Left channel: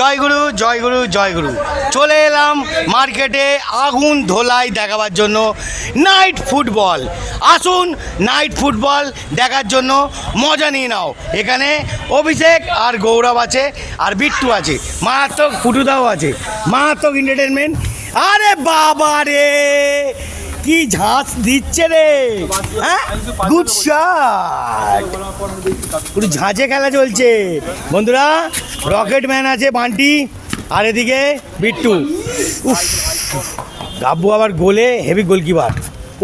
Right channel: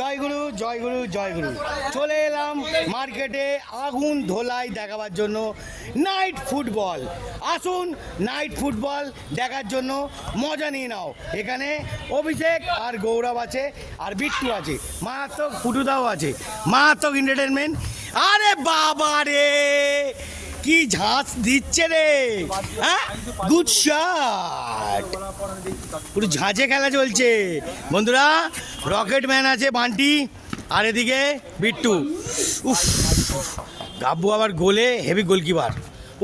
জয়গুরু জয়গুরু জয়গুরু। চলে এলাম মার্কেটে আগুন ধোলাই দেখাবার জন্য নাইট ফুটবল। আসুন নাইট ফুটবল দেখার জন্য মজা নিয়ে নাও। এখানে অভিষেক আর গৌরব আছে, আর বিট্টু আছে, মারাত্মক ফুটুদাও আছে, মারাত্মক এন্টারটেনমেন্ট। আরে বাবা রে, কি ঝাঁস দিচ্ছে রে, হ্যাঁ গুড শট, পুরো ঝাঁঝে খেলা চলছে বন্ধুরা। রকেট ম্যান আছে বান্টি, আর এদিকে বিট্টু। উফ, গাব্বু আবার গোলে হেভি গোলকিপার।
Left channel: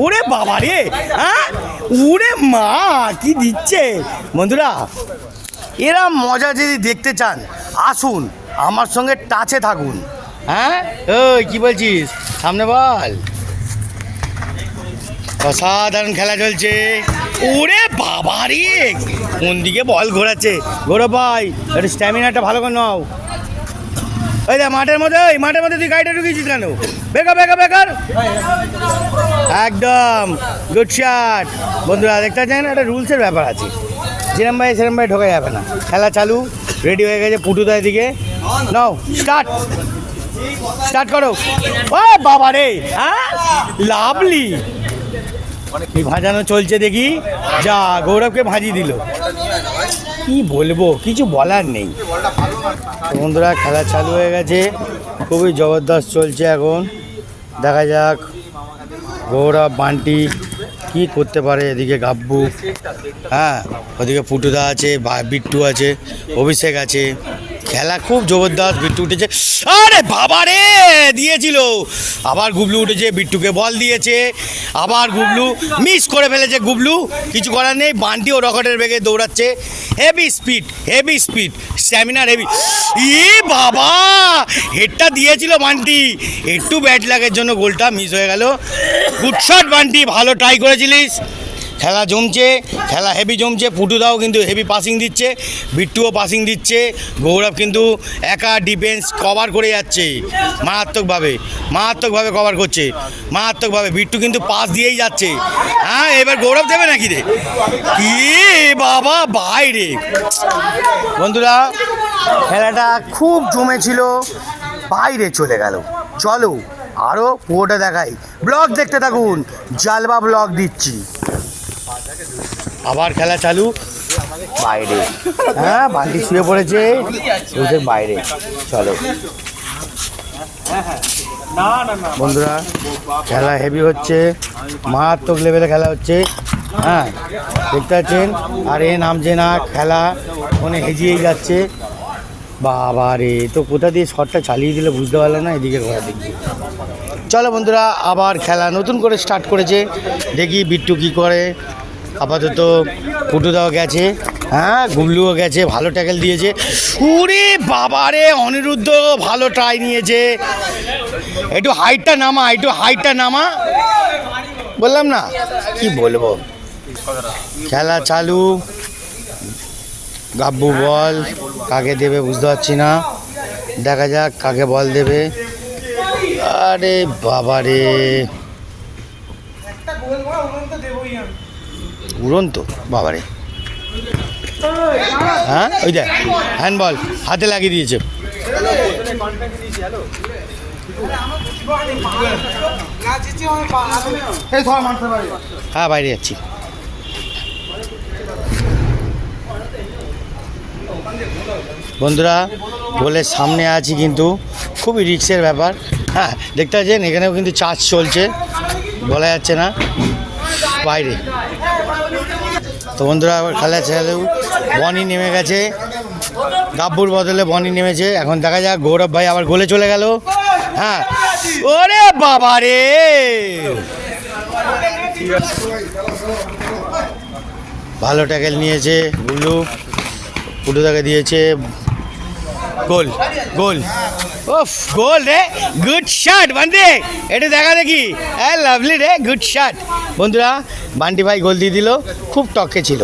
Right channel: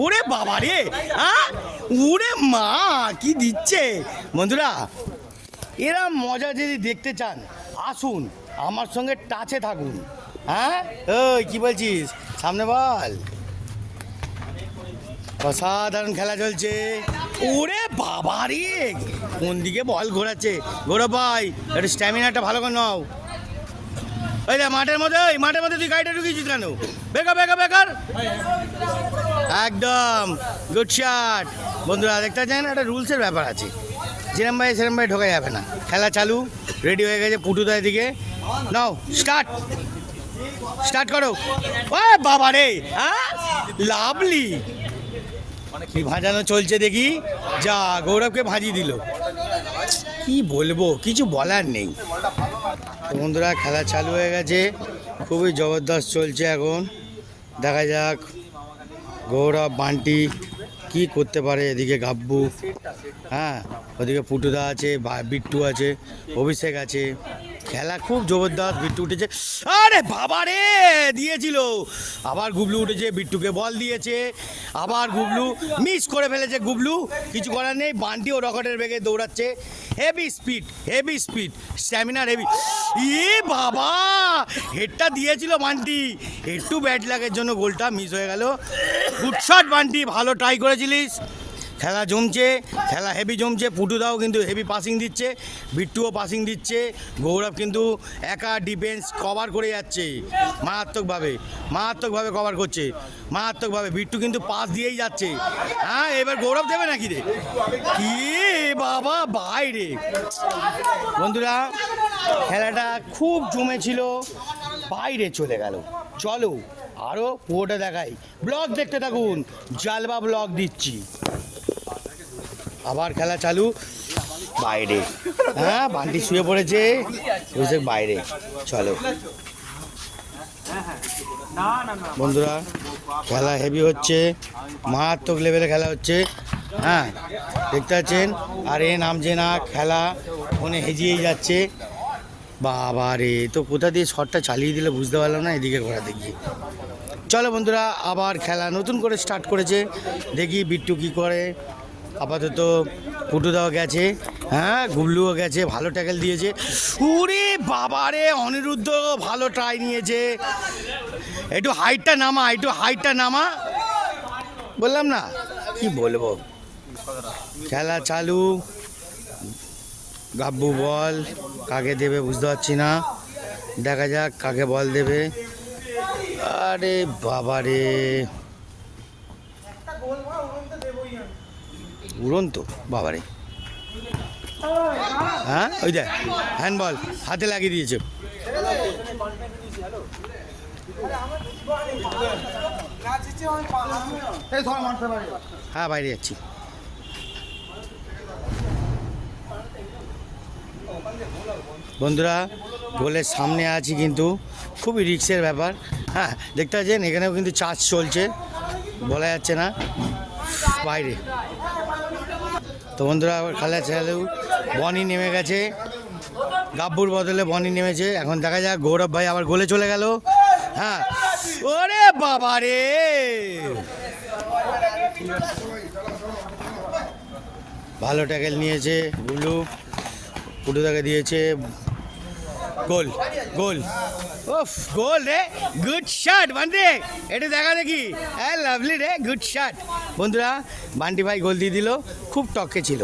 ওরে বাবা রে, হ্যাঁ ওরে মা, কি দিচ্ছে বন্ধুরা। এরা মজা যদি দেখতে চান আসুন আমার সঙ্গে টাচে থাকুন। হ্যাঁ ওই কি বলছিস, সামনে বল। অসাধারণ খেলা চলছে। ওরে বাবা রে, কোন দিকে বল ঘোরাচ্ছে। গৌরব ভাই একটু স্ট্যামিনাটা ভালো করে নাও। এই দে মাঠের মধ্যে তুই গাড়িটা ঢুকিয়েছিস কেন? বেকার একদম গুড শট। বন্ধুরা দেখতে চান, একটা রুলসের ব্যাপার আছে, যেরম ভাই ঢোকা যাবে না। খেলা চালু, রেডি হয়ে গেছে পুটুদার দিকে। নাও স্টার্ট করো। ও বাবা রে, হ্যাঁ লাভলি ভাজানো চলছে দেখি। যা গৌরবকে ভাজিয়ে দিল, কি বলবো, কিছু বলার নেই। বন্ধুরা খেলা চালু হয়ে গেছে, খুবই জবরদস্ত চলছে এখন। দেখা যাক গৌরব বান্টি কি করতে পারে। এদিকে গাব্বু, হ্যাঁ ওদিকে পুটুদা আছে, বিট্টু আছে, অভিষেক আছে। খেলা খুব জবরদস্ত। বিট্টু উঠেছে, আরে বাবা রে দিয়েছিল, আবার গুবলু উঠেছে, বিট্টুকে বল দিয়েছে, আবার গুবলু মিস করে ফেলেছে। গুবলু কিছু করার নেই, বান্টি ও রকেটের বেগে দৌড়াচ্ছে। হেভি স্পিড, স্ট্যামিনার হেভি। এ বাবা, হেডটা দিয়েছিল বান্টি, একটু ব্যাট লাগের জন্য গোলটা মিস হয়ে গেল। গুড শট বান্টি, ভালো ট্রাই করেছিলিস। খেলা জমছে, খেলা হেভি জমছে। পুটুদাও কিন্তু হেভি পাসিং দিচ্ছে, বিট্টুও পাসিং দিচ্ছে। গৌরব কিন্তু একা ডিফেন্স কভার করে যাচ্ছে, মারাত্মকভাবে কভার করছে, মারাত্মকভাবে। বিট্টু কিন্তু পাস দিয়েই যাচ্ছে। হ্যাঁ এবার গৌরব দেবে নাকি রে, কি বাবা বাইরে। বন্ধুরা খেলাটা খুব জমেছিল, বাইরে চলে গেল। চলো আরও পুরোটা দেখাই, ব্লগ দেখতে থাকুন, জালবা ব্লগ দিচ্ছি। আবার খেলা চালু, বাইরে, হ্যাঁ বান্টি শুয়ে পড়েছে, বুঝে বাইরে। চলো বন্ধুরা খেলা হেভি হচ্ছে, মারাত্মক লেভেলে খেলা হচ্ছে। হ্যাঁ দেখতে পাচ্ছেন, আর এ নামছে না, খেলা মনে হেজিয়েই যাচ্ছে। বাবা রে, তো কোথা দিয়ে শটটা চালিয়ে দিলে বুঝতে পারলাম না, এদিকে ঘোরা দেখি। চলো বন্ধুরা, আবার খেলা নতুন করে স্টার্ট করেছে, দেখি বিট্টু কী করে। আপাতত পুটুদাও গেছে, হ্যাঁ গুবলুও গেছে, ভালো ট্যাকেল দিয়েছে। ওরে বাবা রে, অনিরুদ্ধ ভালো ট্রাই নিয়েছে। একটু হাইটটা নামা, বললাম না, কি বলবো। খেলা চালু, গাব্বু বল কাকে দেবে বুঝতে পারছি না, দেখা যাক কাকে বল দেবে। আরে বাবা রে, উড়ন্ত বাবারে, হ্যাঁ ওই দেখ হ্যান্ডবল হাতে লাগিয়ে দিয়েছে। হ্যাঁ বাইরে যাচ্ছি। বন্ধুরা গোলের সামনে আছি, কিন্তু খুবই রিস্কের ব্যাপার। হ্যাঁ দেখতে পাচ্ছেন এখানেও কিন্তু চার্জ চলছে, বলা যাচ্ছে না, বাইরে। তো বন্ধুরা আবার খেলা চালু, বনি নেমে গেছে, গাব্বুর বদলে বনি নেমেছে। এখন দেখা যাক, গৌরব ভাই আবার গোলে চলে গেল। হ্যাঁ ওরে বাবা রে, ভালো ট্যাকেল নিয়েছে গুল্লু, পুটুদাকে দিয়েছে, গোল ওফ গোল রে, গুড শট বান্টি, এটা দেখা দেখি, হ্যাঁ লাভলি রে, গুড শট। বন্ধুরা বান্টি ভাই গোল দিয়ে দিল, খুব টকে ছিল।